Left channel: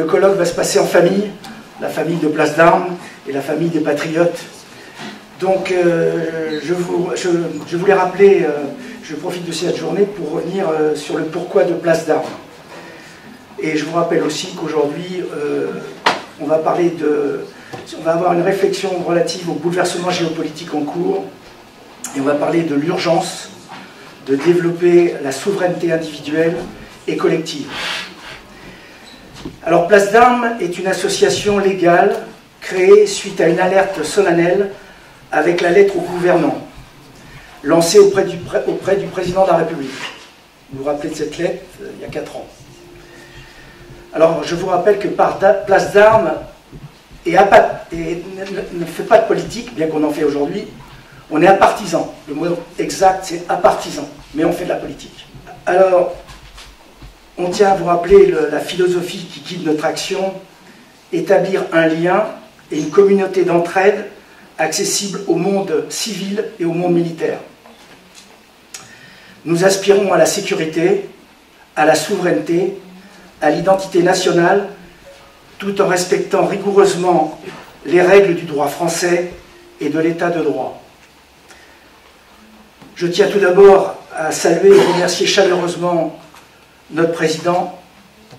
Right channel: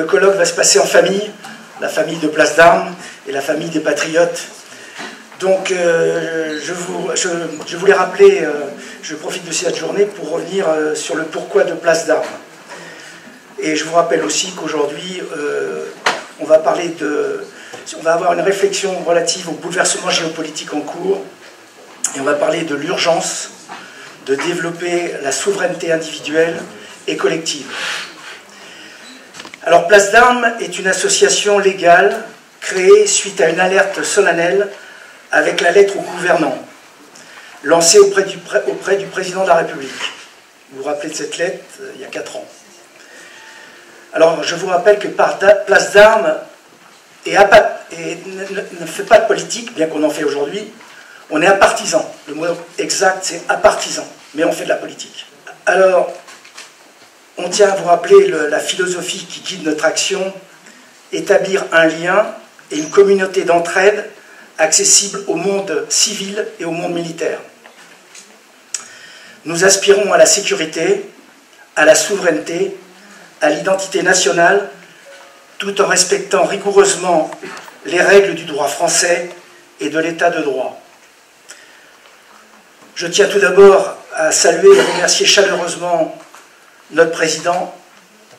Le colloque va se passer en famille, la famille de Place d'Armes et la famille des Patriotes. Donc je voulais rappeler, je profite de cette journée pour revenir sur le pourquoi de Place d'Armes. Et je vous rappelle aussi qu'aujourd'hui, on va avoir une réflexion relative au bouleversement géopolitique en cours, et on va parler de l'urgence de développer la souveraineté individuelle et collective. Alors, Place d'Armes est une association légale créée suite à une alerte solennelle avec la lettre au gouvernant, lancée auprès du président de la République. Vous vous rappelez de cette lettre, il y a 4 ans. Alors, je vous rappelle que Place d'Armes ne fait pas de politique, bien qu'on en fait aujourd'hui. On est apartisan. Le mot exact, c'est apartisan, mais on fait de la politique. Alors, on tient à vous rappeler la philosophie qui guide notre action, établir un lien et une communauté d'entraide accessible au monde civil et au monde militaire. Nous aspirons à la sécurité, à la souveraineté, à l'identité nationale, tout en respectant rigoureusement les règles du droit français et de l'état de droit. Je tiens tout d'abord à saluer et remercier chaleureusement notre président,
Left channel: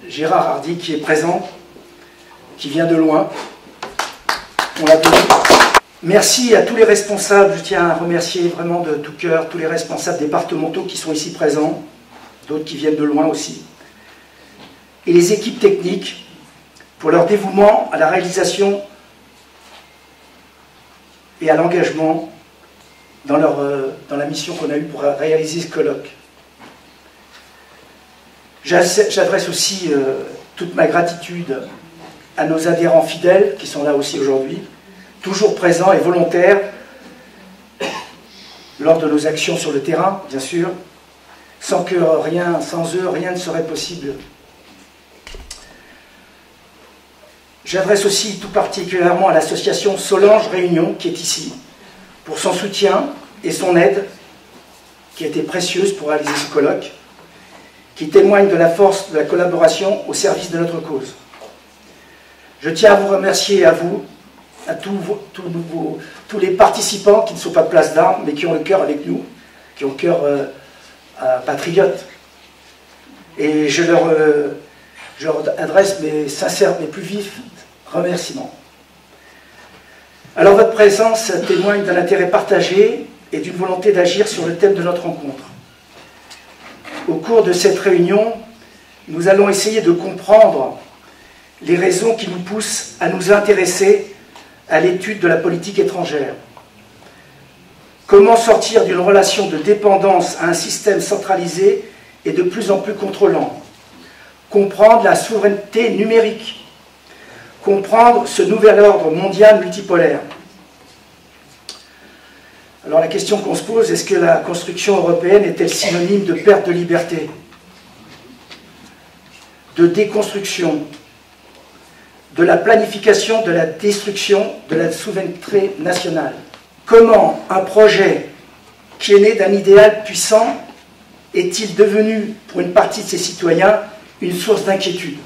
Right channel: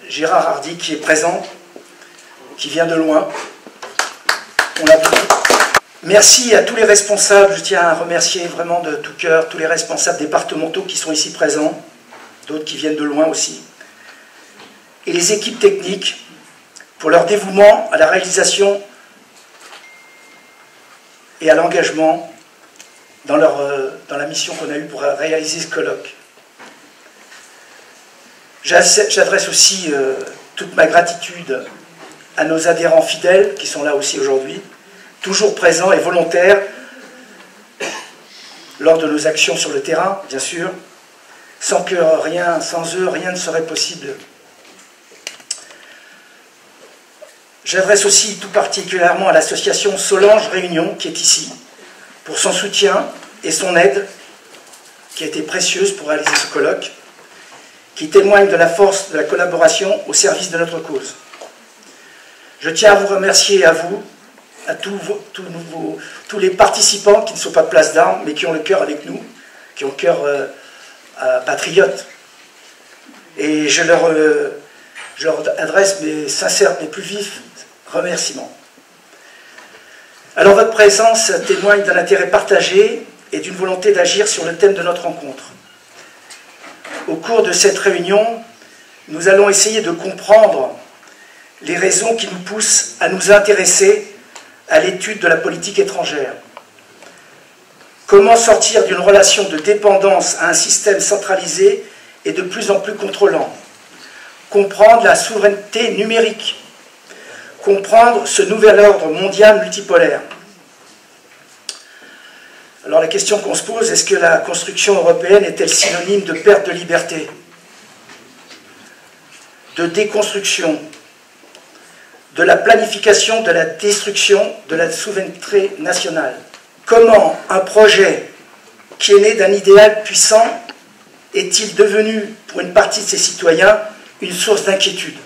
Gérard Hardy, qui est présent, qui vient de loin. On l'applaudit. Merci à tous les responsables, je tiens à remercier vraiment de tout cœur tous les responsables départementaux qui sont ici présents, d'autres qui viennent de loin aussi, et les équipes techniques pour leur dévouement à la réalisation et à l'engagement dans la mission qu'on a eue pour réaliser ce colloque. J'adresse aussi toute ma gratitude à nos adhérents fidèles qui sont là aussi aujourd'hui, toujours présents et volontaires lors de nos actions sur le terrain, bien sûr. Sans eux, rien ne serait possible. J'adresse aussi tout particulièrement à l'association Solange Réunion, qui est ici, pour son soutien et son aide, qui a été précieuse pour réaliser ce colloque, qui témoigne de la force de la collaboration au service de notre cause. Je tiens à vous remercier, à vous, à tous les participants qui ne sont pas Place d'Armes, mais qui ont le cœur avec nous, qui ont le cœur patriote. Et je leur adresse mes sincères, mes plus vifs remerciements. Alors votre présence témoigne d'un intérêt partagé et d'une volonté d'agir sur le thème de notre rencontre. Au cours de cette réunion, nous allons essayer de comprendre les raisons qui nous poussent à nous intéresser à l'étude de la politique étrangère. Comment sortir d'une relation de dépendance à un système centralisé et de plus en plus contrôlant? Comprendre la souveraineté numérique. Comprendre ce nouvel ordre mondial multipolaire. Alors la question qu'on se pose, est-ce que la construction européenne est-elle synonyme de perte de liberté, de déconstruction, de la planification de la destruction de la souveraineté nationale? Comment un projet qui est né d'un idéal puissant est-il devenu, pour une partie de ses citoyens, une source d'inquiétude?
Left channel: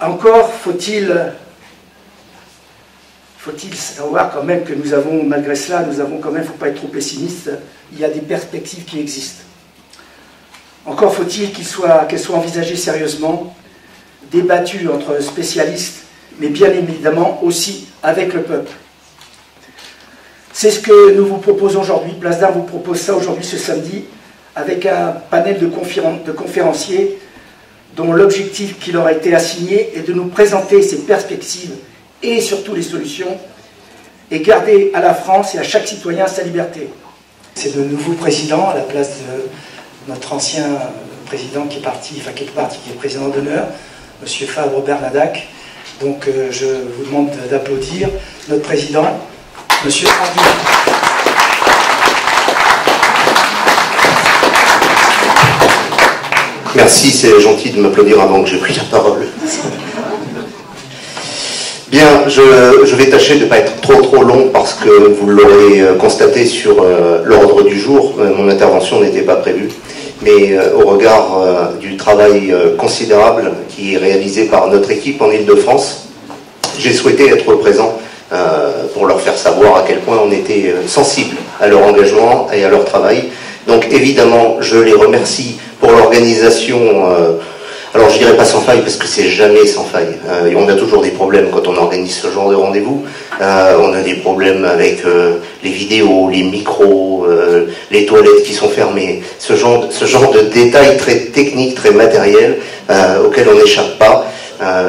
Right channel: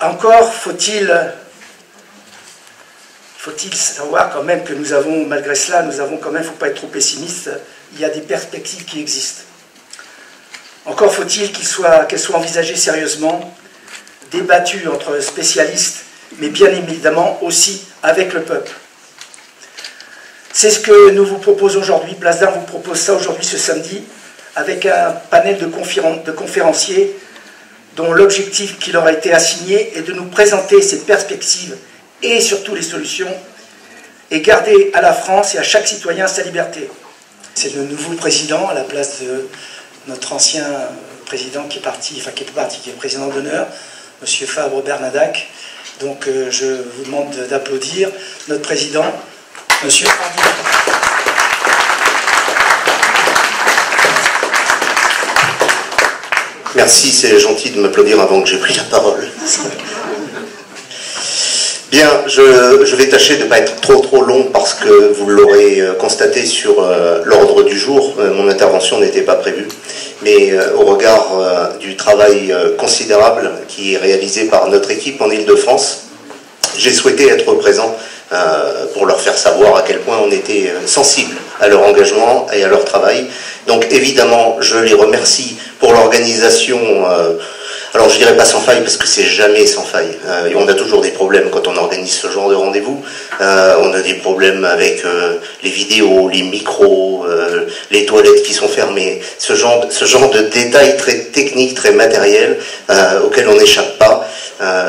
Encore faut-il savoir quand même que nous avons, malgré cela, il ne faut pas être trop pessimiste, il y a des perspectives qui existent. Encore faut-il qu'elles soient envisagées sérieusement, débattues entre spécialistes, mais bien évidemment aussi avec le peuple. C'est ce que nous vous proposons aujourd'hui. Place d'Armes vous propose ça aujourd'hui, ce samedi, avec un panel de conférenciers dont l'objectif qui leur a été assigné est de nous présenter ces perspectives et surtout les solutions, et garder à la France et à chaque citoyen sa liberté. C'est le nouveau président à la place de notre ancien président qui est président d'honneur, M. Fabre Bernadac. Donc je vous demande d'applaudir notre président, M. Hardy. Merci, c'est gentil de m'applaudir avant que j'ai pris la parole. Bien, je vais tâcher de ne pas être trop long parce que vous l'aurez constaté sur l'ordre du jour, mon intervention n'était pas prévue. mais au regard du travail considérable qui est réalisé par notre équipe en Île-de-France, j'ai souhaité être présent pour leur faire savoir à quel point on était sensible à leur engagement et à leur travail. Donc évidemment, je les remercie pour l'organisation. Alors je dirais pas sans faille parce que c'est jamais sans faille. Et on a toujours des problèmes quand on organise ce genre de rendez-vous. On a des problèmes avec les vidéos, les micros, les toilettes qui sont fermées. Ce genre de détails très techniques, très matériels auxquels on n'échappe pas.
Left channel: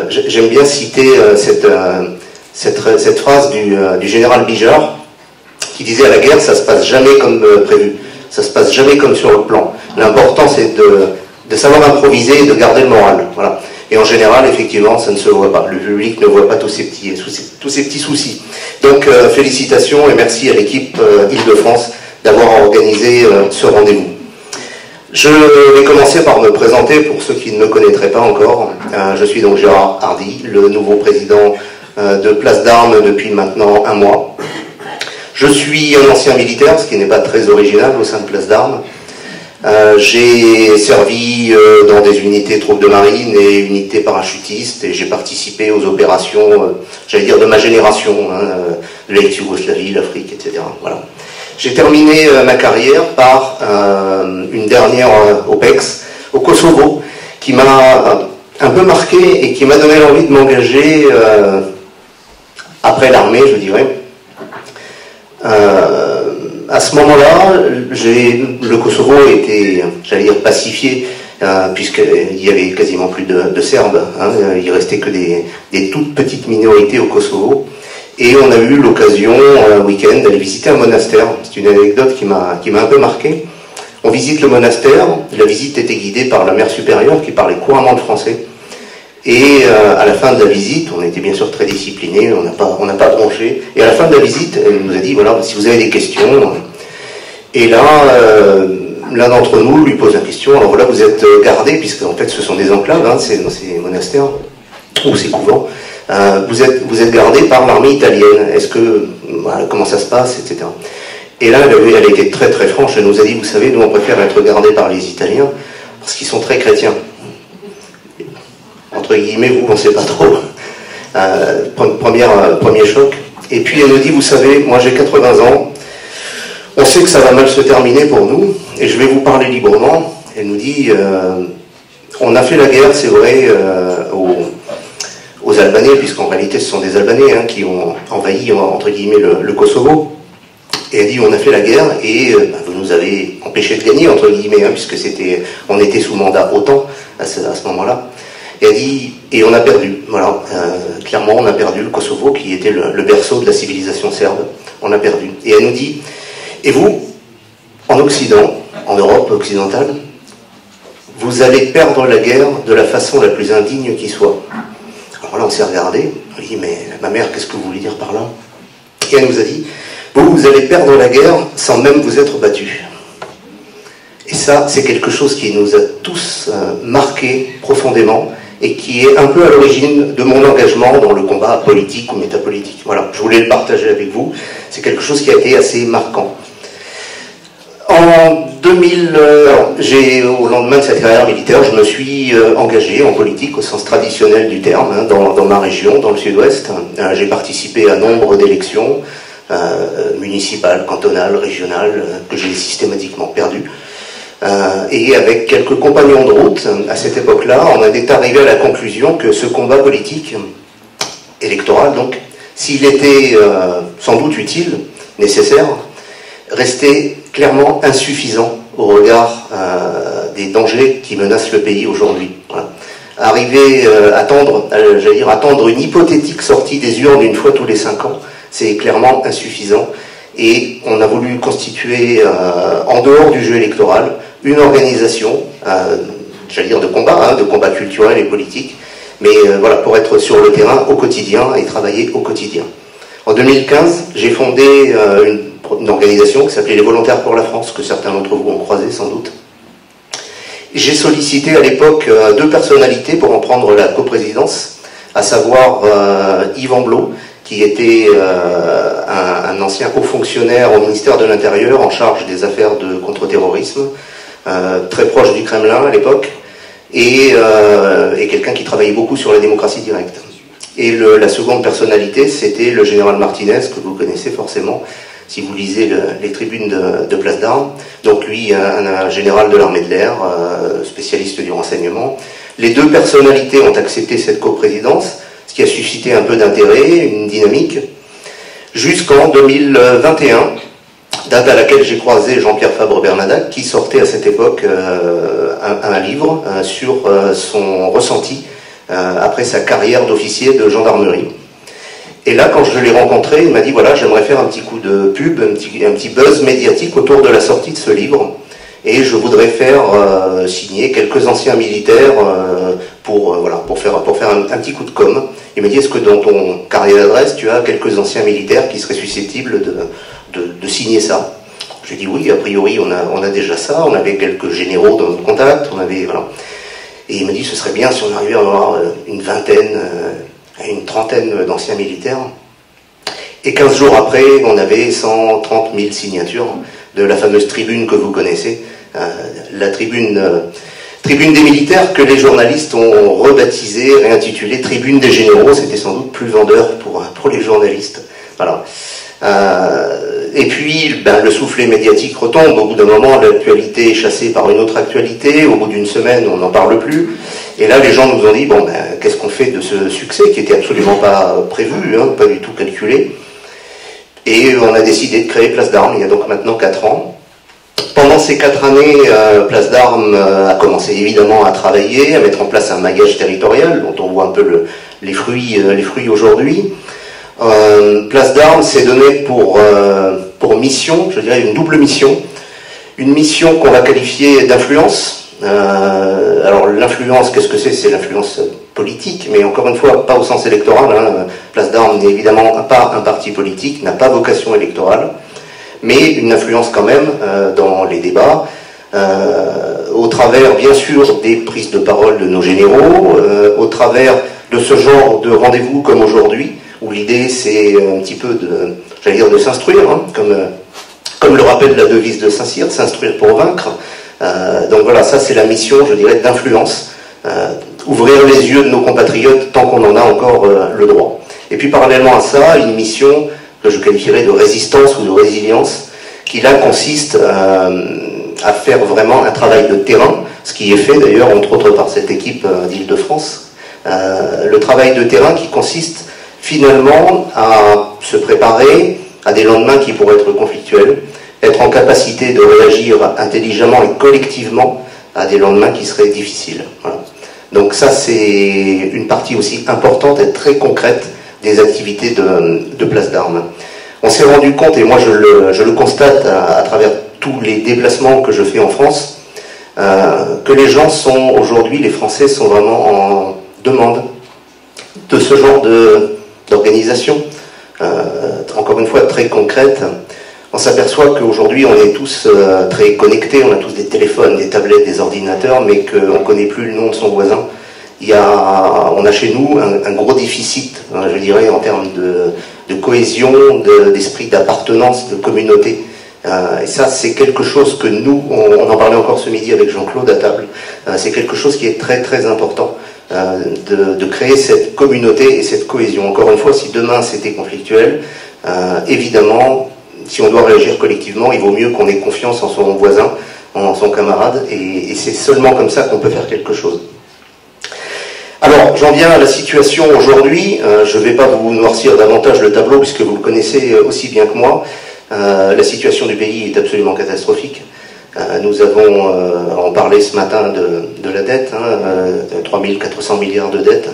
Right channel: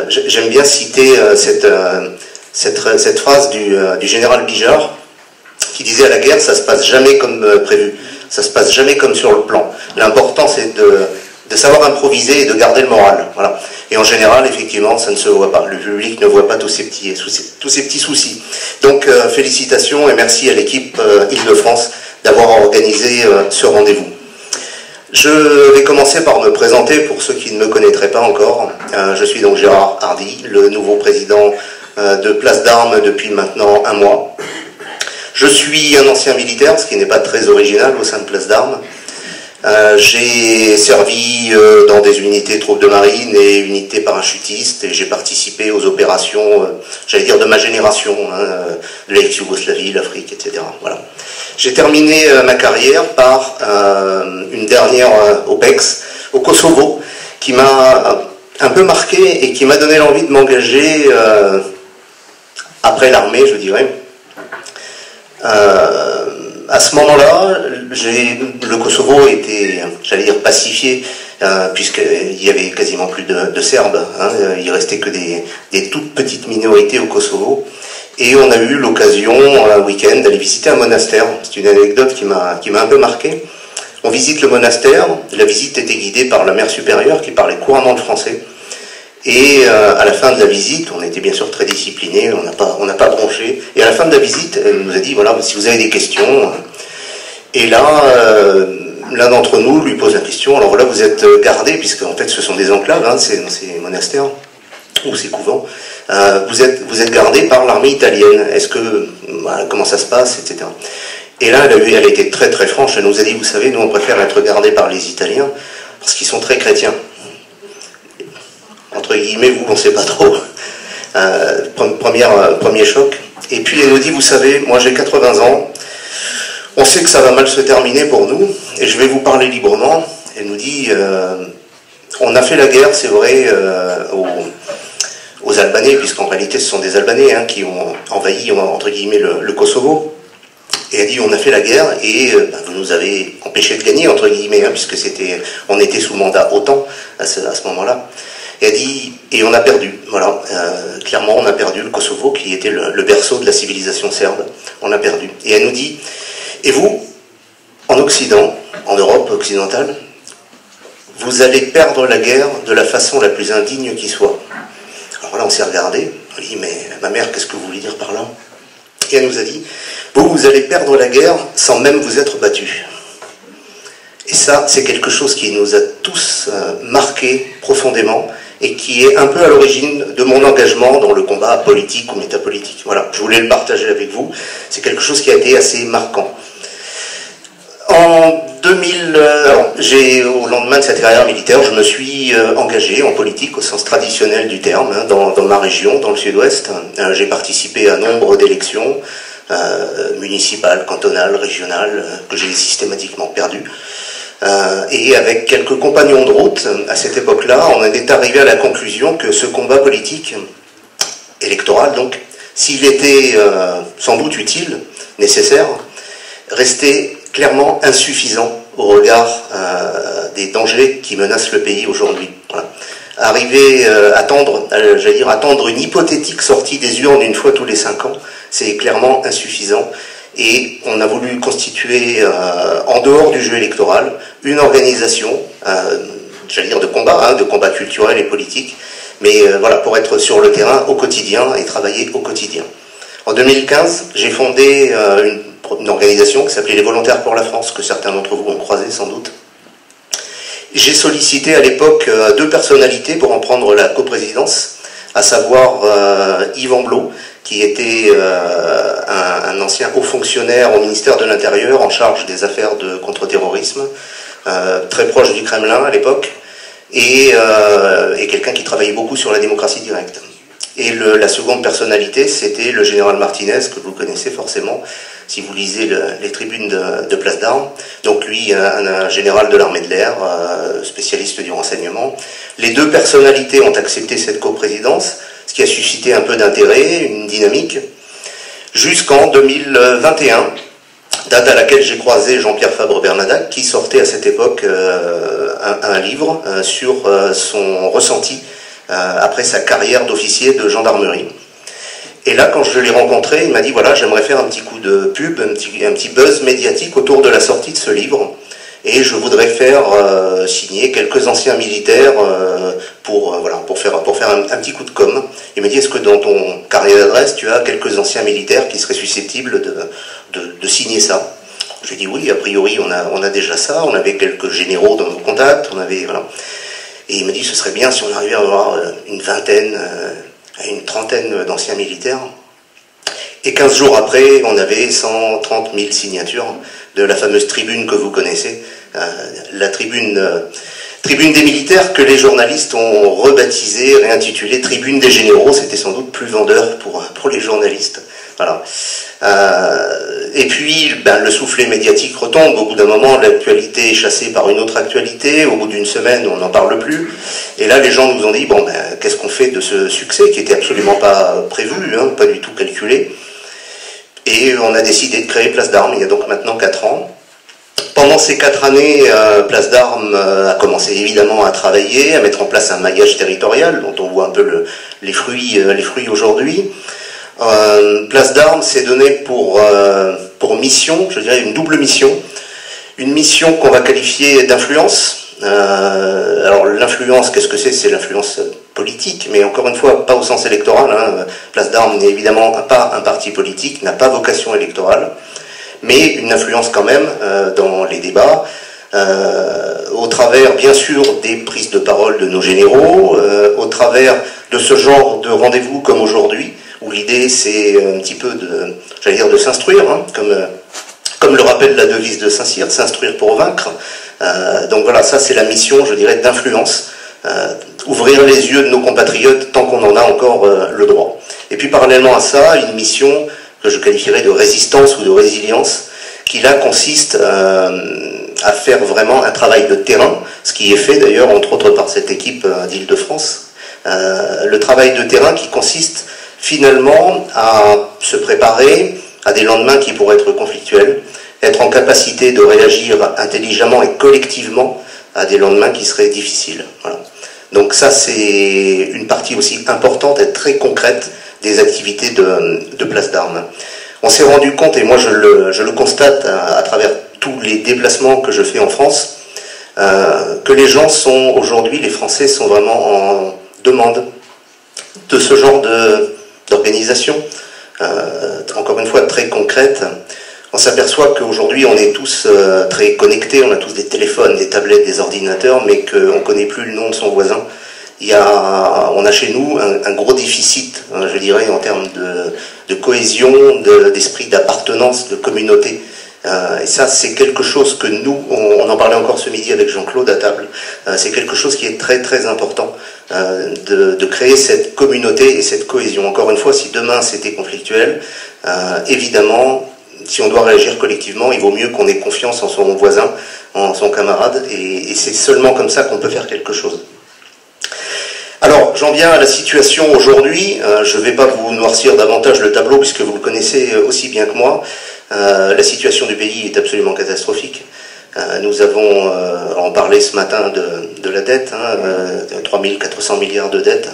J'aime bien citer cette phrase du général Bijard qui disait: à la guerre, ça se passe jamais comme prévu. Ça se passe jamais comme sur le plan. L'important, c'est de savoir improviser et de garder le moral. Voilà. Et en général, effectivement, ça ne se voit pas. Le public ne voit pas tous ces petits soucis. Donc, félicitations et merci à l'équipe Île-de-France d'avoir organisé ce rendez-vous. Je vais commencer par me présenter pour ceux qui ne me connaîtraient pas encore. Je suis donc Gérard Hardy, le nouveau président de Place d'Armes depuis maintenant 1 mois. Je suis un ancien militaire, ce qui n'est pas très original au sein de Place d'Armes. J'ai servi dans des unités troupes de marine et unités parachutistes, et j'ai participé aux opérations, j'allais dire de ma génération, de l'ex-Yougoslavie, l'Afrique, etc. Voilà. J'ai terminé ma carrière par une dernière OPEX au Kosovo, qui m'a un peu marqué et qui m'a donné l'envie de m'engager après l'armée, je dirais. À ce moment-là, le Kosovo était, j'allais dire, pacifié, puisqu'il y avait quasiment plus de Serbes. Il restait que des toutes petites minorités au Kosovo. Et on a eu l'occasion, un week-end, d'aller visiter un monastère. C'est une anecdote qui m'a un peu marqué. On visite le monastère. La visite était guidée par la mère supérieure qui parlait couramment le français. Et à la fin de la visite, on était bien sûr très disciplinés, on n'a pas bronché. Et à la fin de la visite, elle nous a dit, voilà, si vous avez des questions. Et là, l'un d'entre nous lui pose la question. Alors là, vous êtes gardés, puisque en fait, ce sont des enclaves, ces monastères, ou ces couvents. Vous êtes gardés par l'armée italienne. Est-ce que, comment ça se passe, etc. Et là, elle était très très franche. Elle nous a dit, vous savez, nous on préfère être gardés par les Italiens, parce qu'ils sont très chrétiens. Entre guillemets, vous ne pensez pas trop. Premier choc. Et puis elle nous dit, vous savez, moi j'ai 80 ans, on sait que ça va mal se terminer pour nous, et je vais vous parler librement. Elle nous dit, on a fait la guerre, c'est vrai, aux Albanais, puisqu'en réalité ce sont des Albanais qui ont envahi, entre guillemets, le Kosovo. Et elle dit, on a fait la guerre, et vous nous avez empêché de gagner, entre guillemets, puisque on était sous mandat OTAN à ce moment-là. Et elle dit, et on a perdu, voilà, clairement on a perdu le Kosovo qui était le berceau de la civilisation serbe, on a perdu. Et elle nous dit, et vous, en Occident, en Europe occidentale, vous allez perdre la guerre de la façon la plus indigne qui soit. Alors là on s'est regardé, on dit, mais ma mère, qu'est-ce que vous voulez dire par là? Et elle nous a dit, vous allez perdre la guerre sans même vous être battus. Et ça, c'est quelque chose qui nous a tous marqués profondément, et qui est un peu à l'origine de mon engagement dans le combat politique ou métapolitique. Voilà, je voulais le partager avec vous. C'est quelque chose qui a été assez marquant. En 2000, au lendemain de cette carrière militaire, je me suis engagé en politique au sens traditionnel du terme, dans ma région, dans le sud-ouest. J'ai participé à nombre d'élections municipales, cantonales, régionales, que j'ai systématiquement perdues. Et avec quelques compagnons de route, à cette époque-là, on est arrivé à la conclusion que ce combat politique, électoral donc, s'il était sans doute utile, nécessaire, restait clairement insuffisant au regard des dangers qui menacent le pays aujourd'hui. Voilà. Arriver attendre une hypothétique sortie des urnes une fois tous les 5 ans, c'est clairement insuffisant. Et on a voulu constituer, en dehors du jeu électoral, une organisation, j'allais dire de combat culturel et politique, mais voilà, pour être sur le terrain au quotidien et travailler au quotidien. En 2015, j'ai fondé une organisation qui s'appelait les Volontaires pour la France, que certains d'entre vous ont croisé sans doute. J'ai sollicité à l'époque 2 personnalités pour en prendre la coprésidence, à savoir Yves Amblot, qui était un ancien haut fonctionnaire au ministère de l'Intérieur en charge des affaires de contre-terrorisme, très proche du Kremlin à l'époque, et quelqu'un qui travaillait beaucoup sur la démocratie directe. Et la seconde personnalité, c'était le général Martinez, que vous connaissez forcément, si vous lisez les tribunes de Place d'Armes. Donc lui, un général de l'armée de l'air, spécialiste du renseignement. Les deux personnalités ont accepté cette coprésidence, ce qui a suscité un peu d'intérêt, une dynamique, jusqu'en 2021, date à laquelle j'ai croisé Jean-Pierre Fabre-Bernadac, qui sortait à cette époque un livre sur son ressenti après sa carrière d'officier de gendarmerie. Et là, quand je l'ai rencontré, il m'a dit, voilà, j'aimerais faire un petit coup de pub, un petit buzz médiatique autour de la sortie de ce livre, et je voudrais faire signer quelques anciens militaires pour faire un petit coup de com'. Il m'a dit, est-ce que dans ton carnet d'adresse, tu as quelques anciens militaires qui seraient susceptibles de signer ça? Je lui ai dit, oui, a priori, on a déjà ça, on avait quelques généraux dans nos contacts, voilà. Et il m'a dit, ce serait bien si on arrivait à avoir une vingtaine, une trentaine d'anciens militaires. Et 15 jours après, on avait 130 000 signatures de la fameuse tribune que vous connaissez, la tribune des militaires, que les journalistes ont rebaptisée, réintitulée Tribune des généraux. C'était sans doute plus vendeur pour les journalistes. Voilà. Et puis, le soufflet médiatique retombe. Au bout d'un moment, l'actualité est chassée par une autre actualité. Au bout d'une semaine, on n'en parle plus. Et là, les gens nous ont dit, bon, qu'est-ce qu'on fait de ce succès qui était absolument pas prévu, pas du tout calculé. Et on a décidé de créer Place d'Armes, il y a donc maintenant 4 ans. Pendant ces 4 années, Place d'Armes a commencé évidemment à travailler, à mettre en place un maillage territorial, dont on voit un peu les fruits aujourd'hui. Place d'Armes s'est donné pour mission, je dirais une double mission. Une mission qu'on va qualifier d'influence. Alors l'influence, qu'est-ce que c'est? C'est l'influence politique, mais encore une fois, pas au sens électoral. Place d'Armes n'est évidemment pas un parti politique, n'a pas vocation électorale, mais une influence quand même dans les débats, au travers bien sûr des prises de parole de nos généraux, au travers de ce genre de rendez-vous comme aujourd'hui, où l'idée c'est un petit peu de s'instruire, comme le rappelle la devise de Saint-Cyr, s'instruire pour vaincre. Donc voilà, ça c'est la mission, je dirais, d'influence, ouvrir les yeux de nos compatriotes tant qu'on en a encore le droit. Et puis parallèlement à ça, une mission que je qualifierais de résistance ou de résilience, qui là consiste à faire vraiment un travail de terrain, ce qui est fait d'ailleurs entre autres par cette équipe d'Île-de-France, le travail de terrain qui consiste finalement à se préparer à des lendemains qui pourraient être conflictuels, être en capacité de réagir intelligemment et collectivement à des lendemains qui seraient difficiles. Voilà. Donc ça c'est une partie aussi importante et très concrète des activités de Place d'Armes. On s'est rendu compte, et moi je le constate à travers tous les déplacements que je fais en France, que les gens sont aujourd'hui, les Français sont vraiment en demande de ce genre d'organisation, encore une fois très concrète. On s'aperçoit qu'aujourd'hui on est tous très connectés, on a tous des téléphones, des tablettes, des ordinateurs, mais qu'on ne connaît plus le nom de son voisin. On a chez nous un gros déficit, je dirais, en termes de cohésion, d'esprit d'appartenance, de communauté. Et ça, c'est quelque chose que nous, on en parlait encore ce midi avec Jean-Claude à table, c'est quelque chose qui est très très important, de créer cette communauté et cette cohésion. Encore une fois, si demain c'était conflictuel, évidemment, si on doit réagir collectivement, il vaut mieux qu'on ait confiance en son voisin, en son camarade, et c'est seulement comme ça qu'on peut faire quelque chose. Alors, j'en viens à la situation aujourd'hui. Je ne vais pas vous noircir davantage le tableau, puisque vous le connaissez aussi bien que moi. La situation du pays est absolument catastrophique. Nous avons, on parlait ce matin de la dette, 3 400 milliards de dettes.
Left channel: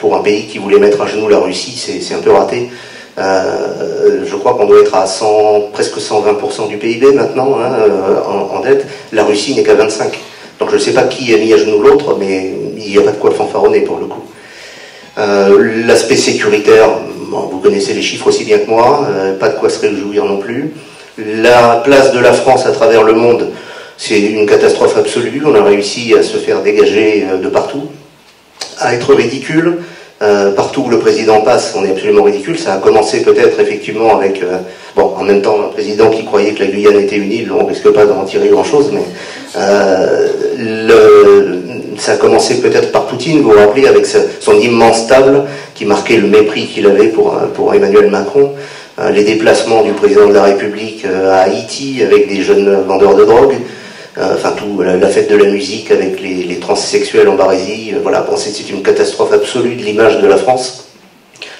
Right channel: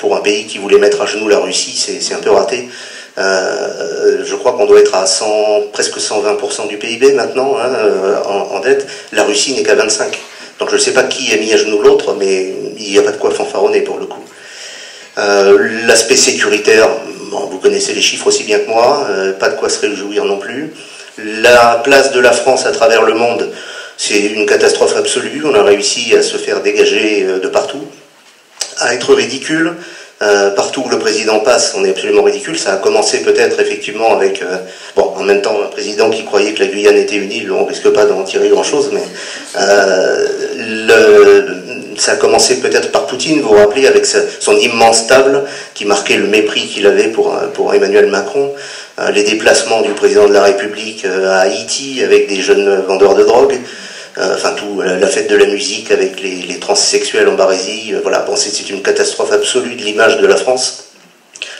Pour un pays qui voulait mettre à genoux la Russie, c'est un peu raté. Je crois qu'on doit être à presque 120% du PIB maintenant en dette. La Russie n'est qu'à 25%. Donc je ne sais pas qui a mis à genoux l'autre, mais il n'y a pas de quoi fanfaronner pour le coup. L'aspect sécuritaire, vous connaissez les chiffres aussi bien que moi, pas de quoi se réjouir non plus. La place de la France à travers le monde, c'est une catastrophe absolue. On a réussi à se faire dégager de partout, à être ridicule. partout où le président passe, on est absolument ridicule. Ça a commencé peut-être effectivement avec, bon, en même temps, un président qui croyait que la Guyane était une île, on risque pas d'en tirer grand-chose, mais ça a commencé peut-être par Poutine, vous vous rappelez, avec son immense table qui marquait le mépris qu'il avait pour Emmanuel Macron, les déplacements du président de la République à Haïti avec des jeunes vendeurs de drogue, enfin tout, la fête de la musique avec les transsexuels en Barésie, voilà, bon, c'est une catastrophe absolue de l'image de la France.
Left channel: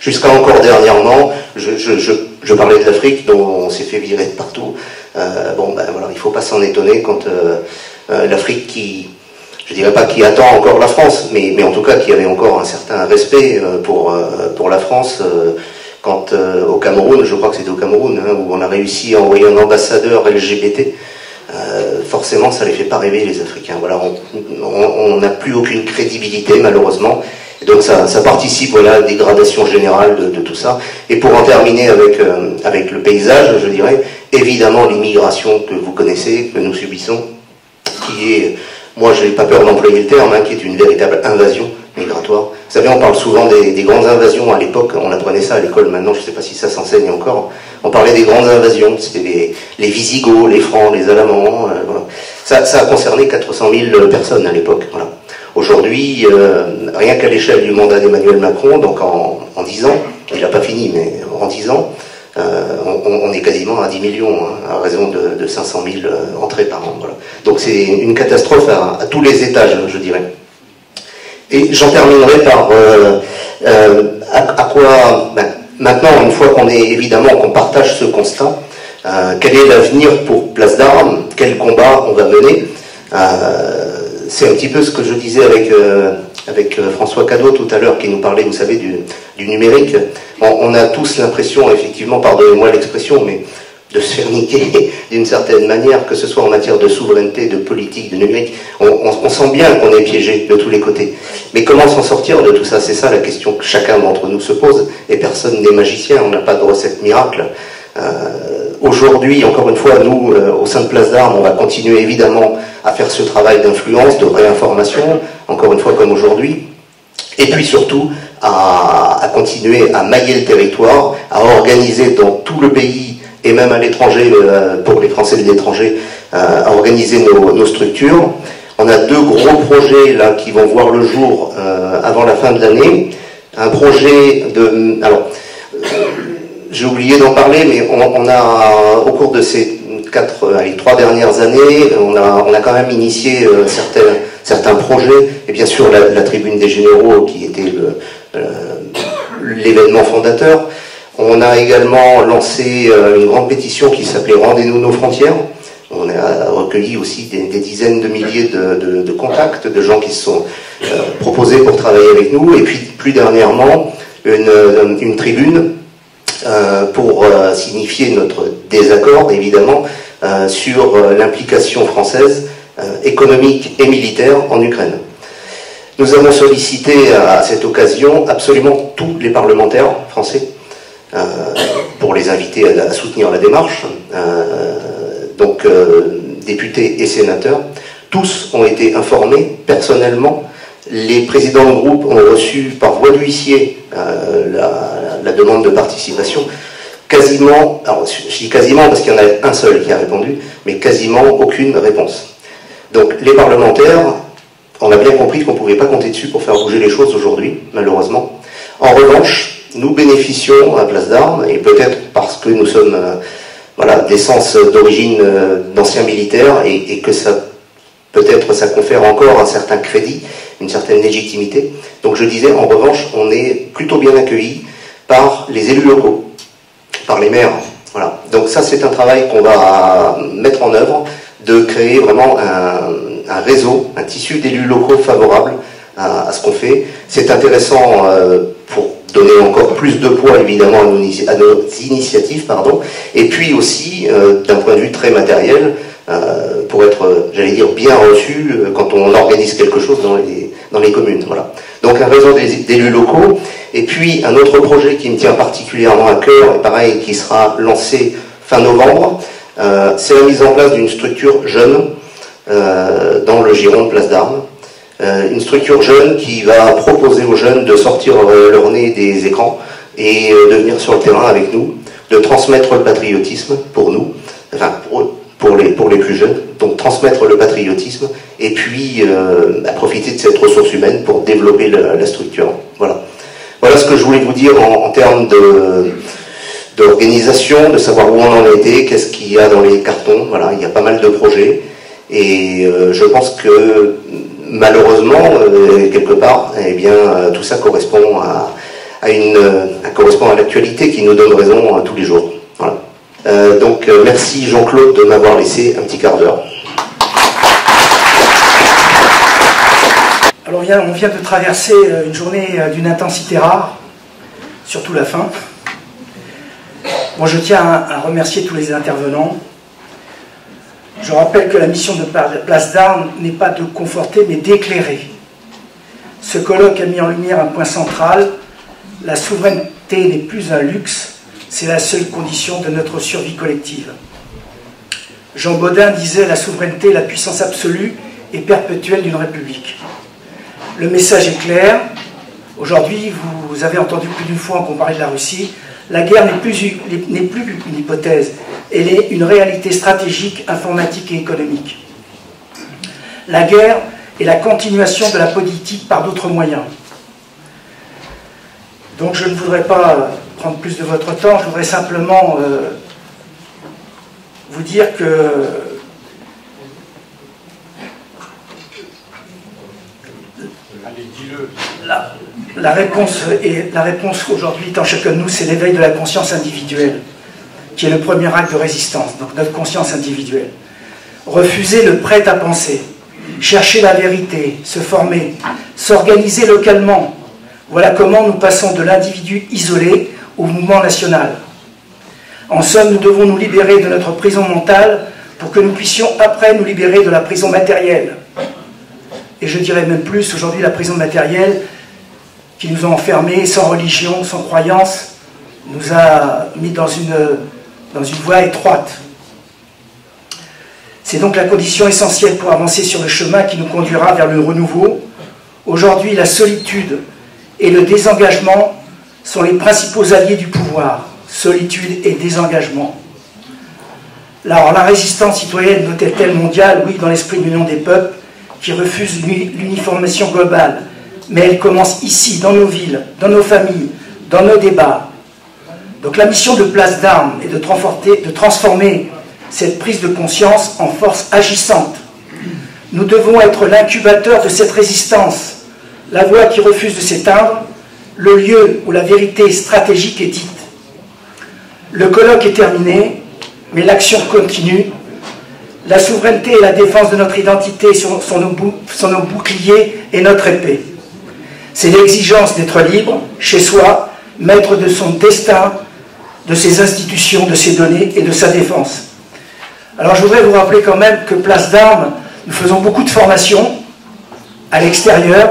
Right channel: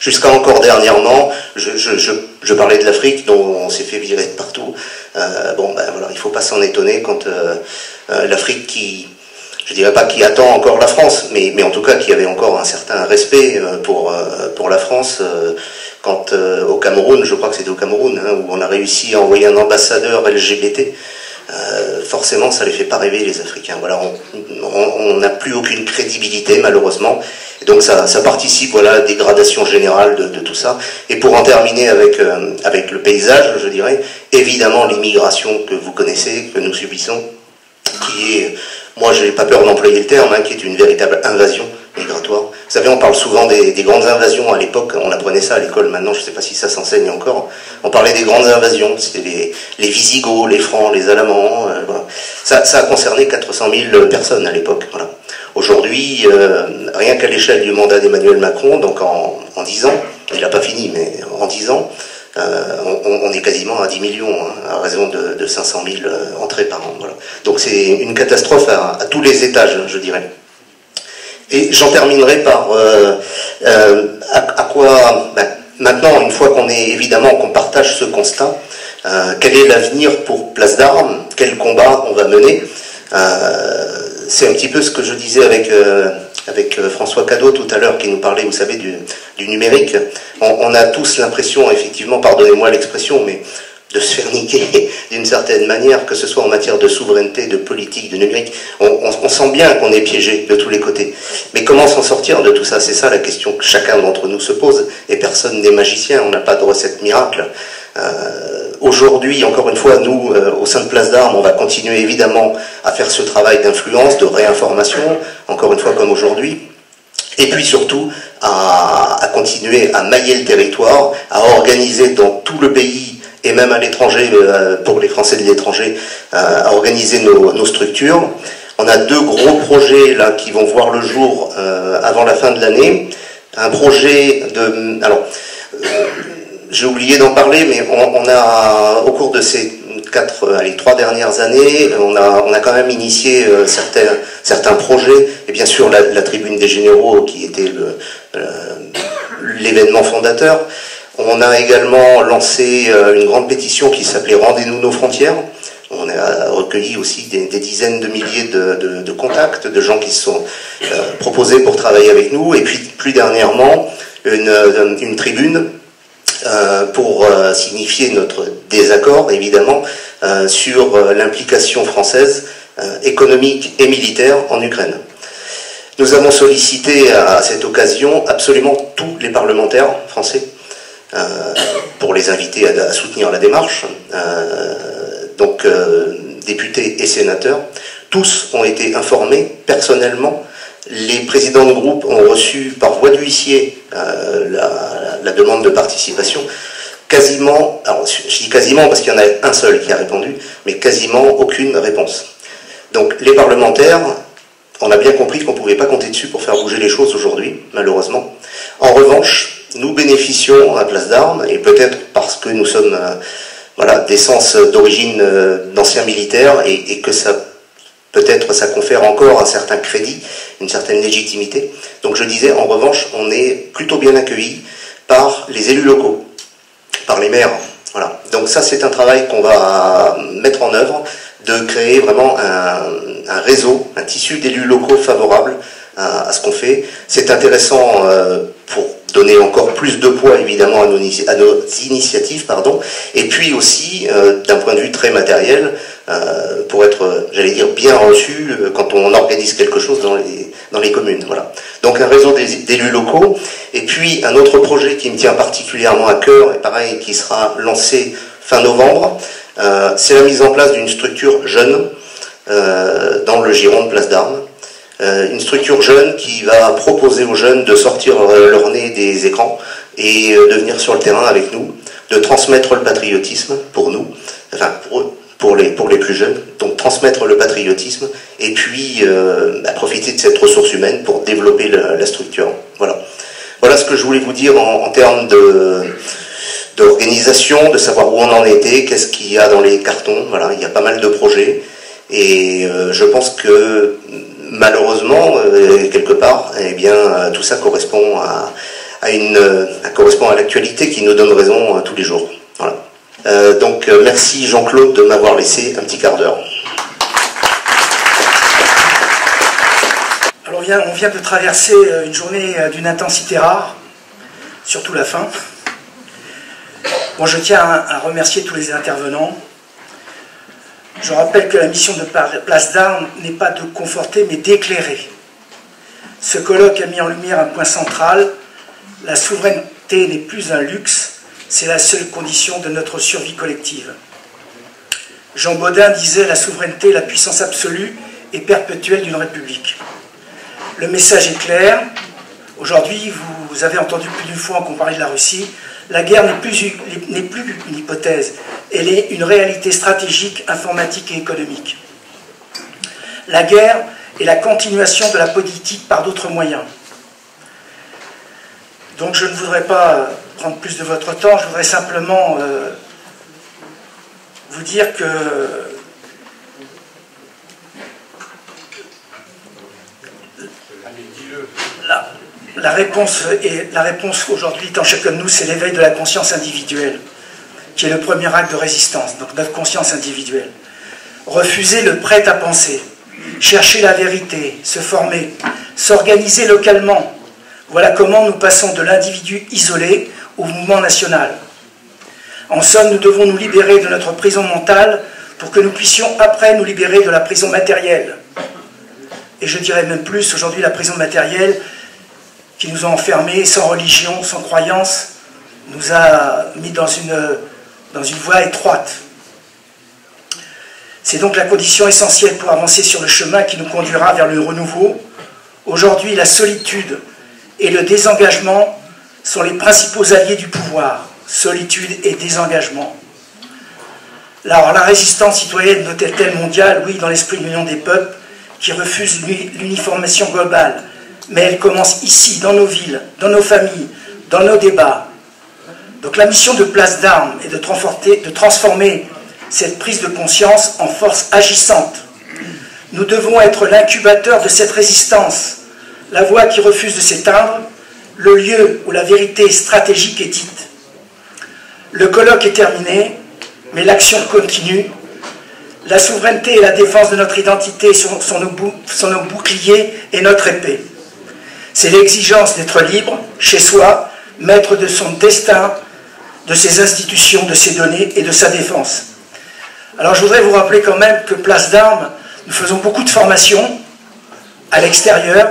Jusqu'à encore dernièrement, je parlais de l'Afrique, dont on s'est fait virer de partout. Bon, ben voilà, il ne faut pas s'en étonner quand l'Afrique qui, je dirais pas qui attend encore la France, mais en tout cas qui avait encore un certain respect pour la France, quand au Cameroun, je crois que c'était au Cameroun, hein, où on a réussi à envoyer un ambassadeur LGBT, forcément ça les fait pas rêver les Africains. Voilà, on n'a plus aucune crédibilité malheureusement. Et donc ça participe, voilà, à la dégradation générale de tout ça. Et pour en terminer avec le paysage, je dirais, évidemment l'immigration que vous connaissez, que nous subissons, qui est, moi je n'ai pas peur d'employer le terme, hein, qui est une véritable invasion migratoire. Vous savez, on parle souvent des grandes invasions à l'époque, on apprenait ça à l'école, maintenant je ne sais pas si ça s'enseigne encore. On parlait des grandes invasions, c'était les Visigoths, les Francs, les Allemands, voilà. Ça a concerné 400 000 personnes à l'époque, voilà. Aujourd'hui, rien qu'à l'échelle du mandat d'Emmanuel Macron, donc en 10 ans, il n'a pas fini, mais en 10 ans, on est quasiment à 10 millions, hein, à raison de 500 000 entrées par an. Voilà. Donc c'est une catastrophe à tous les étages, je dirais. Et j'en terminerai par à quoi, ben, maintenant, une fois qu'on partage ce constat, quel est l'avenir pour Place d'Armes, quel combat on va mener. C'est un petit peu ce que je disais avec François Cadot tout à l'heure, qui nous parlait, vous savez, du numérique. On a tous l'impression, effectivement, pardonnez-moi l'expression, mais de se faire niquer d'une certaine manière, que ce soit en matière de souveraineté, de politique, de numérique. On sent bien qu'on est piégé de tous les côtés. Mais comment s'en sortir de tout ça? C'est ça la question que chacun d'entre nous se pose. Et personne n'est magicien, on n'a pas de recette miracle. Aujourd'hui, encore une fois, nous, au sein de Place d'Armes, on va continuer évidemment à faire ce travail d'influence, de réinformation, encore une fois comme aujourd'hui, et puis surtout à continuer à mailler le territoire, à organiser dans tout le pays, et même à l'étranger, pour les Français de l'étranger, à organiser nos structures. On a 2 gros projets là qui vont voir le jour avant la fin de l'année. Un projet de... Alors, j'ai oublié d'en parler, mais on a, au cours de ces 3 dernières années, on a quand même initié certains projets, et bien sûr la Tribune des Généraux, qui était l'événement fondateur. On a également lancé une grande pétition qui s'appelait « Rendez-nous nos frontières ». On a recueilli aussi des dizaines de milliers de contacts, de gens qui se sont proposés pour travailler avec nous, et puis plus dernièrement, une tribune pour signifier notre désaccord, évidemment, sur l'implication française économique et militaire en Ukraine. Nous avons sollicité à cette occasion absolument tous les parlementaires français pour les inviter à soutenir la démarche, donc députés et sénateurs. Tous ont été informés personnellement. Les présidents de groupe ont reçu par voie d'huissier la demande de participation. Quasiment, alors je dis quasiment parce qu'il y en a un seul qui a répondu, mais quasiment aucune réponse. Donc les parlementaires, on a bien compris qu'on ne pouvait pas compter dessus pour faire bouger les choses aujourd'hui, malheureusement. En revanche, nous bénéficions à Place d'Armes, et peut-être parce que nous sommes voilà, d'essence d'origine d'anciens militaires, et que ça peut-être ça confère encore un certain crédit, une certaine légitimité. Donc je disais, en revanche, on est plutôt bien accueillis par les élus locaux, par les maires. Voilà. Donc ça, c'est un travail qu'on va mettre en œuvre, de créer vraiment un réseau, un tissu d'élus locaux favorables à ce qu'on fait. C'est intéressant pour donner encore plus de poids, évidemment, à nos initiatives, pardon, et puis aussi, d'un point de vue très matériel, pour être, j'allais dire, bien reçu quand on organise quelque chose dans les communes. Voilà. Donc un réseau d'élus locaux, et puis un autre projet qui me tient particulièrement à cœur, pareil, qui sera lancé fin novembre, c'est la mise en place d'une structure jeune dans le giron de Place d'Armes, une structure jeune qui va proposer aux jeunes de sortir leur nez des écrans et de venir sur le terrain avec nous, de transmettre le patriotisme pour nous, enfin pour les plus jeunes, donc transmettre le patriotisme et puis profiter de cette ressource humaine pour développer la structure. Voilà ce que je voulais vous dire en termes d'organisation, de savoir où on en était, qu'est-ce qu'il y a dans les cartons. Voilà, il y a pas mal de projets et je pense que malheureusement, quelque part, eh bien, tout ça correspond correspond à l'actualité qui nous donne raison tous les jours. Voilà. Donc merci Jean-Claude de m'avoir laissé un petit quart d'heure. Alors on vient de traverser une journée d'une intensité rare, surtout la fin. Bon, je tiens à remercier tous les intervenants. Je rappelle que la mission de Place d'Armes n'est pas de conforter mais d'éclairer. Ce colloque a mis en lumière un point central: la souveraineté n'est plus un luxe, c'est la seule condition de notre survie collective. Jean Bodin disait: la souveraineté est la puissance absolue et perpétuelle d'une république. Le message est clair. Aujourd'hui, vous avez entendu plus d'une fois qu'on parlait de la Russie. La guerre n'est plus une hypothèse, elle est une réalité stratégique, informatique et économique. La guerre est la continuation de la politique par d'autres moyens. Donc je ne voudrais pas prendre plus de votre temps, je voudrais simplement vous dire que la réponse aujourd'hui étant chacun de nous, c'est l'éveil de la conscience individuelle, qui est le premier acte de résistance, donc notre conscience individuelle. Refuser le prêt à penser, chercher la vérité, se former, s'organiser localement. Voilà comment nous passons de l'individu isolé au mouvement national. En somme, nous devons nous libérer de notre prison mentale pour que nous puissions après nous libérer de la prison matérielle. Et je dirais même plus, aujourd'hui la prison matérielle qui nous a enfermés sans religion, sans croyance, nous a mis dans une voie étroite. C'est donc la condition essentielle pour avancer sur le chemin qui nous conduira vers le renouveau. Aujourd'hui, la solitude et le désengagement sont les principaux alliés du pouvoir. Solitude et désengagement. Alors, la résistance citoyenne doit-elle mondiale? Oui, dans l'esprit de l'Union des peuples, qui refuse l'uniformisation globale. Mais elle commence ici, dans nos villes, dans nos familles, dans nos débats. Donc la mission de Place d'Armes est de transformer cette prise de conscience en force agissante. Nous devons être l'incubateur de cette résistance, la voie qui refuse de s'éteindre, le lieu où la vérité stratégique est dite. Le colloque est terminé, mais l'action continue. La souveraineté et la défense de notre identité sont nos boucliers et notre épée. C'est l'exigence d'être libre, chez soi, maître de son destin, de ses institutions, de ses données et de sa défense. Alors je voudrais vous rappeler quand même que Place d'Armes, nous faisons beaucoup de formations à l'extérieur.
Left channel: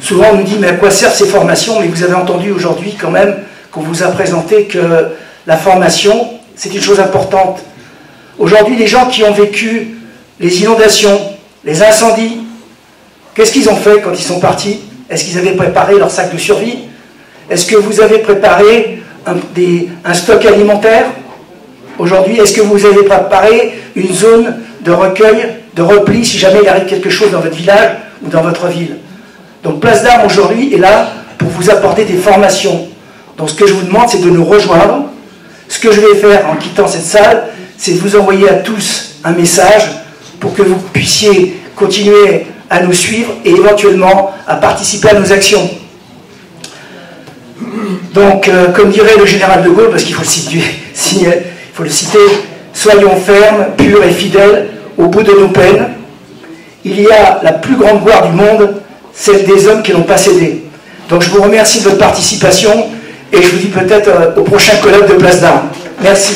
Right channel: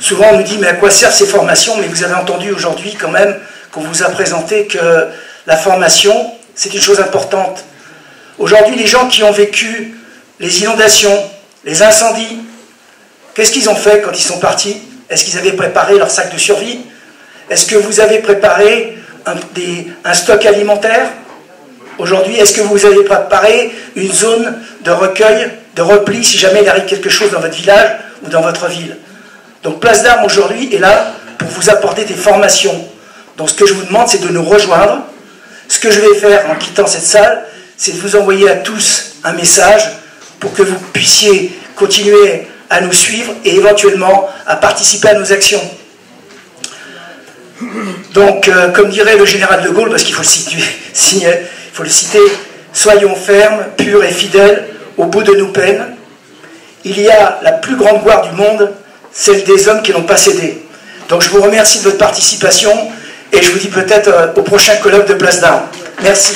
Souvent on nous dit mais à quoi servent ces formations? Mais vous avez entendu aujourd'hui quand même qu'on vous a présenté que la formation, c'est une chose importante. Aujourd'hui, les gens qui ont vécu les inondations, les incendies, qu'est-ce qu'ils ont fait quand ils sont partis? Est-ce qu'ils avaient préparé leur sac de survie? Est-ce que vous avez préparé un stock alimentaire? Aujourd'hui, est-ce que vous avez préparé une zone de recueil, de repli, si jamais il arrive quelque chose dans votre village ou dans votre ville? Donc Place d'Armes aujourd'hui est là pour vous apporter des formations. Donc ce que je vous demande, c'est de nous rejoindre. Ce que je vais faire en quittant cette salle, c'est de vous envoyer à tous un message pour que vous puissiez continuer à nous suivre et éventuellement à participer à nos actions. Donc, comme dirait le général de Gaulle, parce qu'il faut le citer, soyons fermes, purs et fidèles au bout de nos peines. Il y a la plus grande gloire du monde, celle des hommes qui n'ont pas cédé. Donc je vous remercie de votre participation et je vous dis peut-être au prochain colloque de Place d'Armes. Merci.